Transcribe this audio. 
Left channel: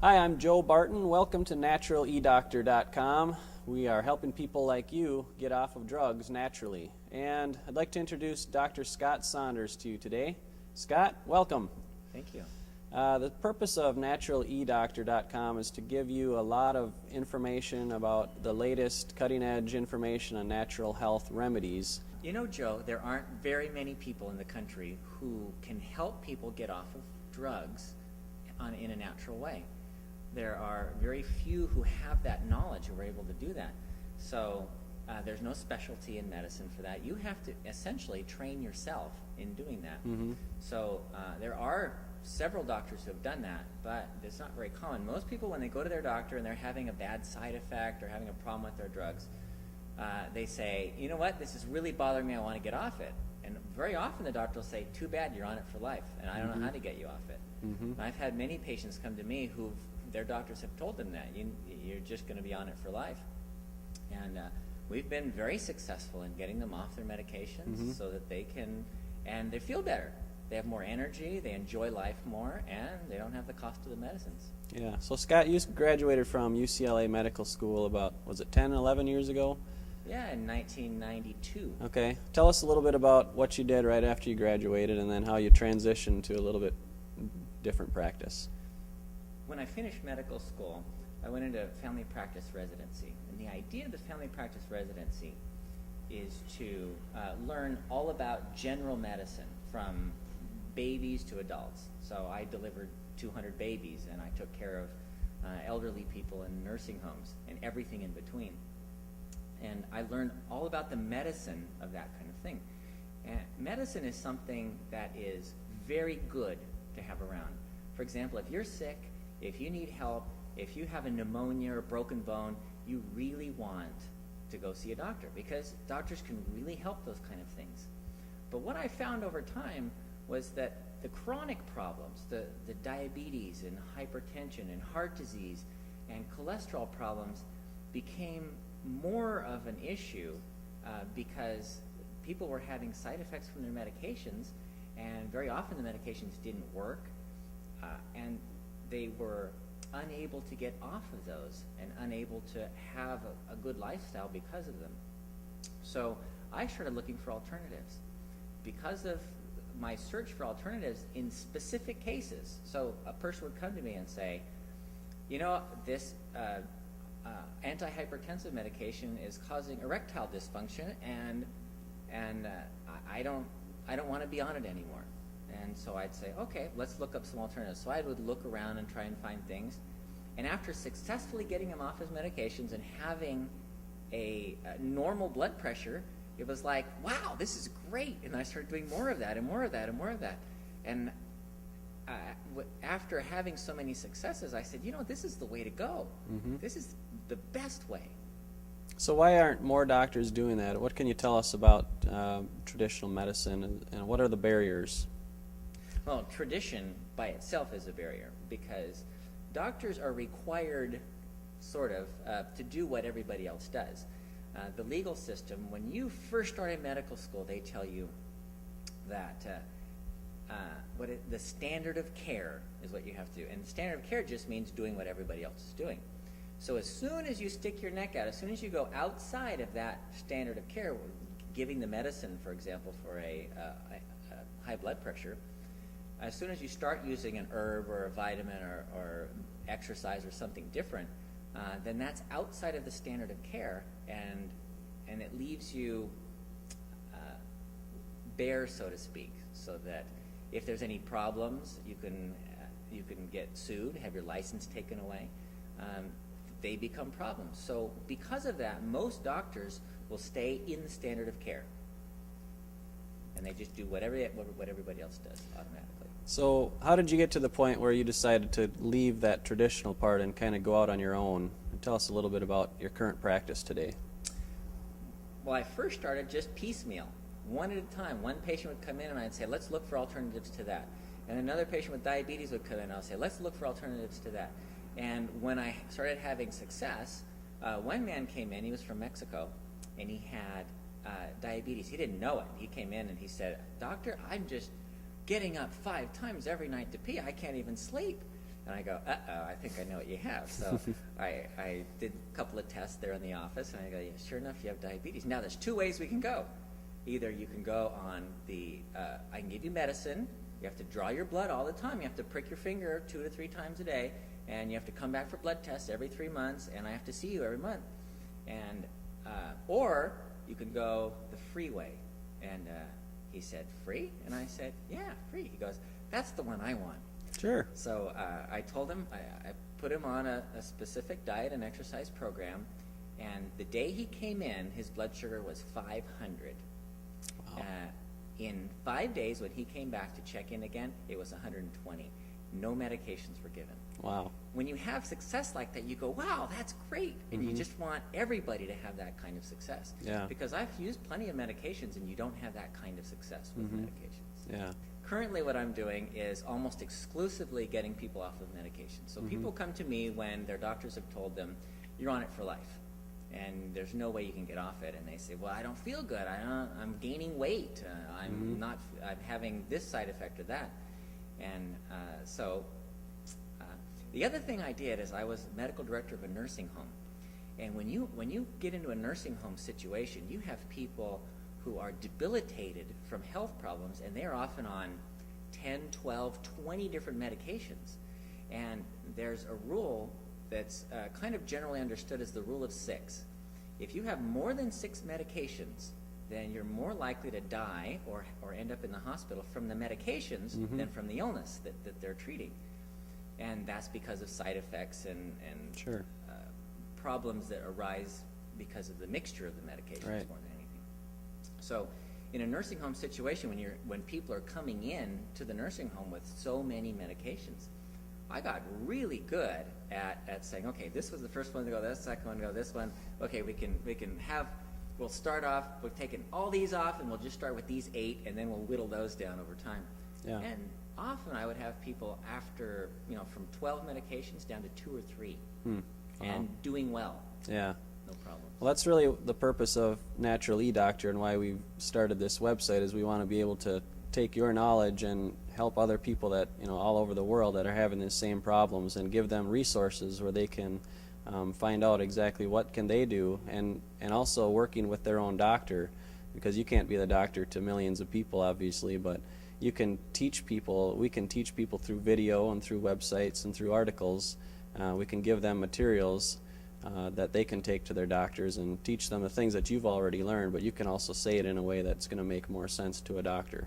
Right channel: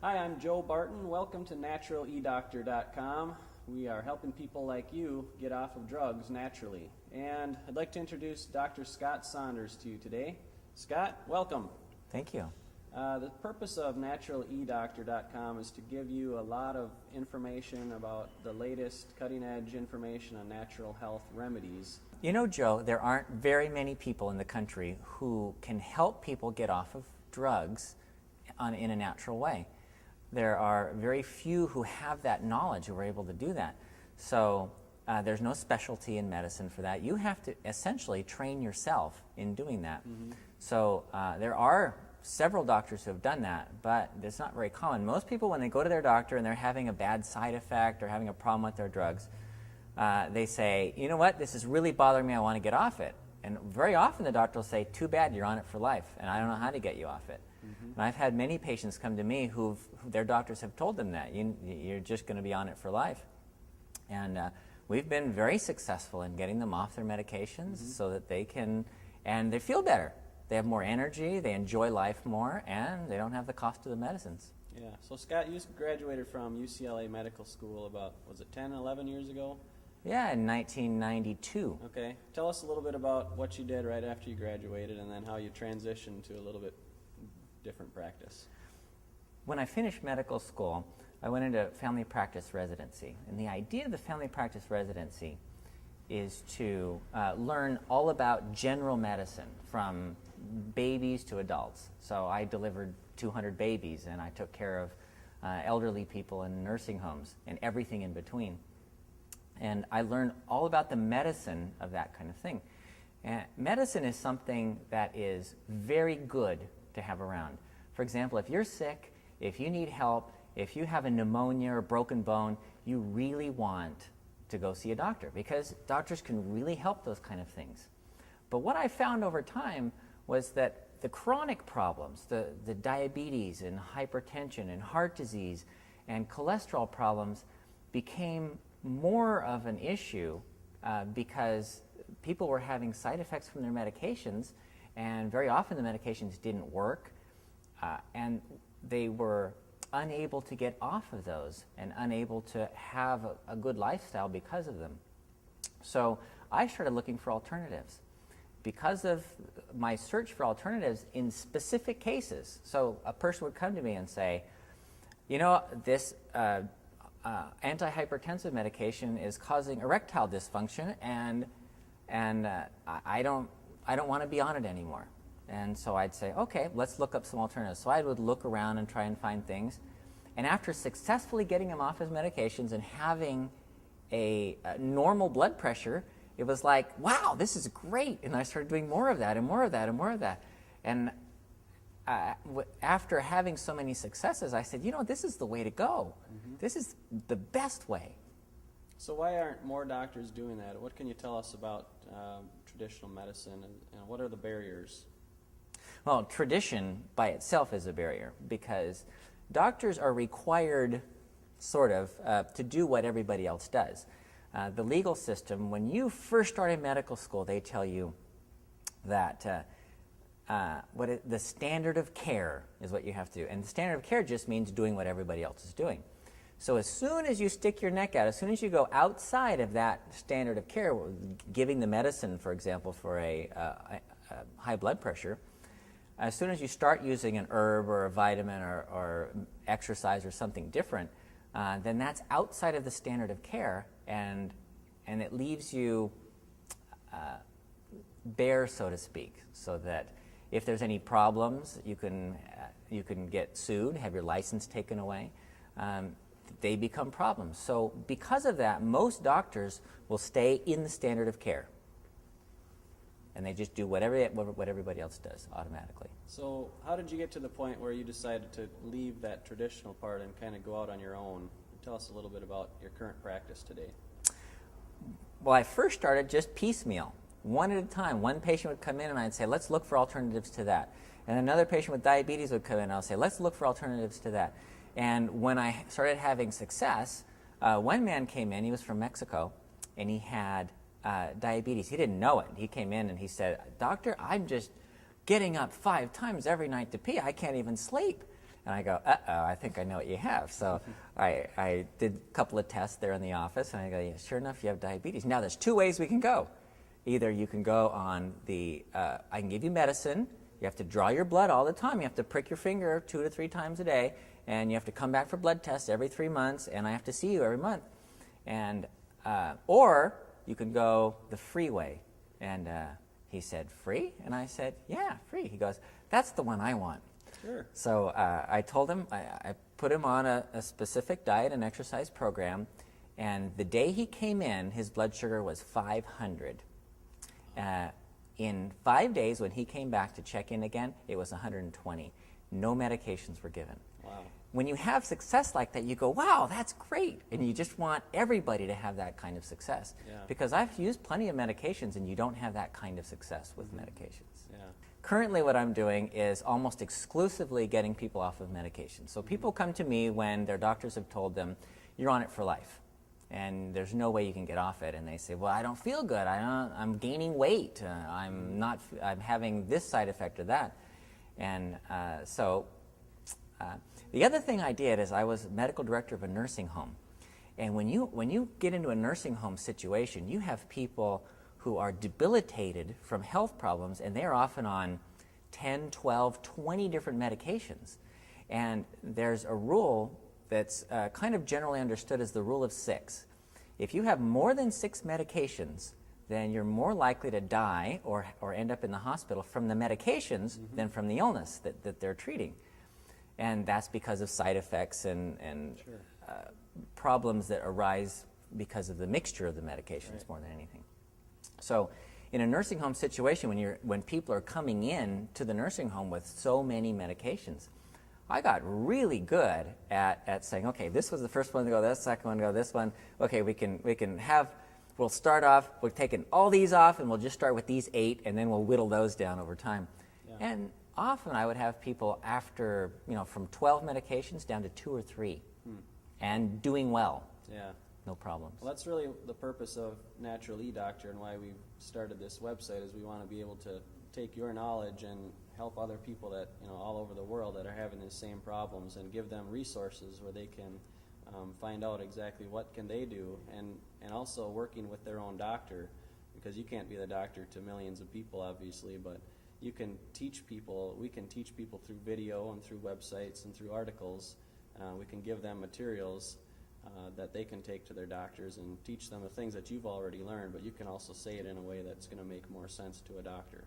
Hi, I'm Joe Barton. Welcome to NaturalEDoctor.com. We are helping people like you get off of drugs naturally. And I'd like to introduce Dr. Scott Saunders to you today. Scott, welcome. Thank you. The purpose of NaturalEDoctor.com is to give you a lot of information about the latest cutting-edge information on natural health remedies. You know, Joe, there aren't very many people in the country who can help people get off of drugs in a natural way. There are very few who have that knowledge who are able to do that. So there's no specialty in medicine for that. You have to essentially train yourself in doing that. So there are several doctors who have done that, but it's not very common. Most people, when they go to their doctor and they're having a bad side effect or having a problem with their drugs, they say, you know what, this is really bothering me, I want to get off it. And very often the doctor will say, too bad, you're on it for life, and I don't know how to get you off it. And I've had many patients come to me who their doctors have told them that you're just going to be on it for life. And we've been very successful in getting them off their medications so that they can, and they feel better. They have more energy, they enjoy life more, and they don't have the cost of the medicines. Yeah, so Scott, you graduated from UCLA Medical School about, was it 10, 11 years ago? Yeah, in 1992. Okay, tell us a little bit about what you did right after you graduated and then how you transitioned to a little bit different practice. When I finished medical school, I went into family practice residency. And the idea of the family practice residency is to learn all about general medicine from babies to adults. So I delivered 200 babies and I took care of elderly people in nursing homes and everything in between. And I learned all about the medicine of that kind of thing. And medicine is something that is very good to have around. For example, if you're sick, if you need help, if you have a pneumonia or broken bone, you really want to go see a doctor because doctors can really help those kind of things. But what I found over time was that the chronic problems, the diabetes and hypertension and heart disease and cholesterol problems became more of an issue because people were having side effects from their medications, and very often the medications didn't work, and they were unable to get off of those and unable to have a good lifestyle because of them. So I started looking for alternatives. Because of my search for alternatives in specific cases, so a person would come to me and say, you know, this antihypertensive medication is causing erectile dysfunction, and I don't want to be on it anymore. And so I'd say, okay, let's look up some alternatives. So I would look around and try and find things. And after successfully getting him off his medications and having a normal blood pressure, it was like, wow, this is great. And I started doing more of that and more of that and more of that. And after having so many successes, I said, you know, this is the way to go. This is the best way. So why aren't more doctors doing that? What can you tell us about traditional medicine and what are the barriers? Well, tradition by itself is a barrier because doctors are required, sort of, to do what everybody else does. The legal system, when you first start in medical school, they tell you that the standard of care is what you have to do. And the standard of care just means doing what everybody else is doing. So as soon as you stick your neck out, as soon as you go outside of that standard of care, giving the medicine, for example, for a high blood pressure, as soon as you start using an herb or a vitamin or exercise or something different, then that's outside of the standard of care, and it leaves you bare, so to speak, so that if there's any problems, you can get sued, have your license taken away. They become problems. So because of that, most doctors will stay in the standard of care, and they just do what everybody else does automatically. So how did you get to the point where you decided to leave that traditional part and kind of go out on your own? Tell us a little bit about your current practice today. Well, I first started just piecemeal, one at a time. One patient would come in and I'd say, let's look for alternatives to that. And another patient with diabetes would come in and I'll say, let's look for alternatives to that. And when I started having success, one man came in, he was from Mexico, and he had diabetes. He didn't know it. He came in and he said, "Doctor, I'm just getting up 5 times every night to pee. I can't even sleep." And I go, I think I know what you have. So I did a couple of tests there in the office, and I go, yeah, sure enough, you have diabetes. Now, there's two ways we can go. Either you can go on the, I can give you medicine. You have to draw your blood all the time. You have to prick your finger 2 to 3 times a day, and you have to come back for blood tests every 3 months, and I have to see you every month. And or you can go the free way. And he said, free? And I said, yeah, free. He goes, that's the one I want. Sure. So I told him, I put him on a specific diet and exercise program, and the day he came in, his blood sugar was 500. Wow. In 5 days, when he came back to check in again, it was 120. No medications were given. Wow. When you have success like that, you go, wow, that's great. And you just want everybody to have that kind of success. Yeah. Because I've used plenty of medications, and you don't have that kind of success with medications. Yeah. Currently, what I'm doing is almost exclusively getting people off of medication. So people come to me when their doctors have told them, you're on it for life, and there's no way you can get off it. And they say, well, I don't feel good. I'm gaining weight. I'm having this side effect or that. And the other thing I did is I was medical director of a nursing home. And when you get into a nursing home situation, you have people who are debilitated from health problems, and they're often on 10, 12, 20 different medications. And there's a rule that's kind of generally understood as the rule of 6. If you have more than 6 medications, then you're more likely to die or end up in the hospital from the medications than from the illness that they're treating. And that's because of side effects and Sure. Problems that arise because of the mixture of the medications Right. more than anything. So in a nursing home situation, when people are coming in to the nursing home with so many medications, I got really good at saying, okay, this was the first one to go, this second one to go, this one. Okay, we'll start off, we're taking all these off, and we'll just start with these 8, and then we'll whittle those down over time. Yeah. And often I would have people after, from 12 medications down to 2 or 3, and doing well. Yeah. No problems. Well, that's really the purpose of Natural eDoctor and why we started this website, is we want to be able to take your knowledge and help other people that, all over the world that are having the same problems, and give them resources where they can find out exactly what can they do, and also working with their own doctor, because you can't be the doctor to millions of people, obviously, but you can teach people. We can teach people through video and through websites and through articles. We can give them materials that they can take to their doctors and teach them the things that you've already learned, but you can also say it in a way that's going to make more sense to a doctor.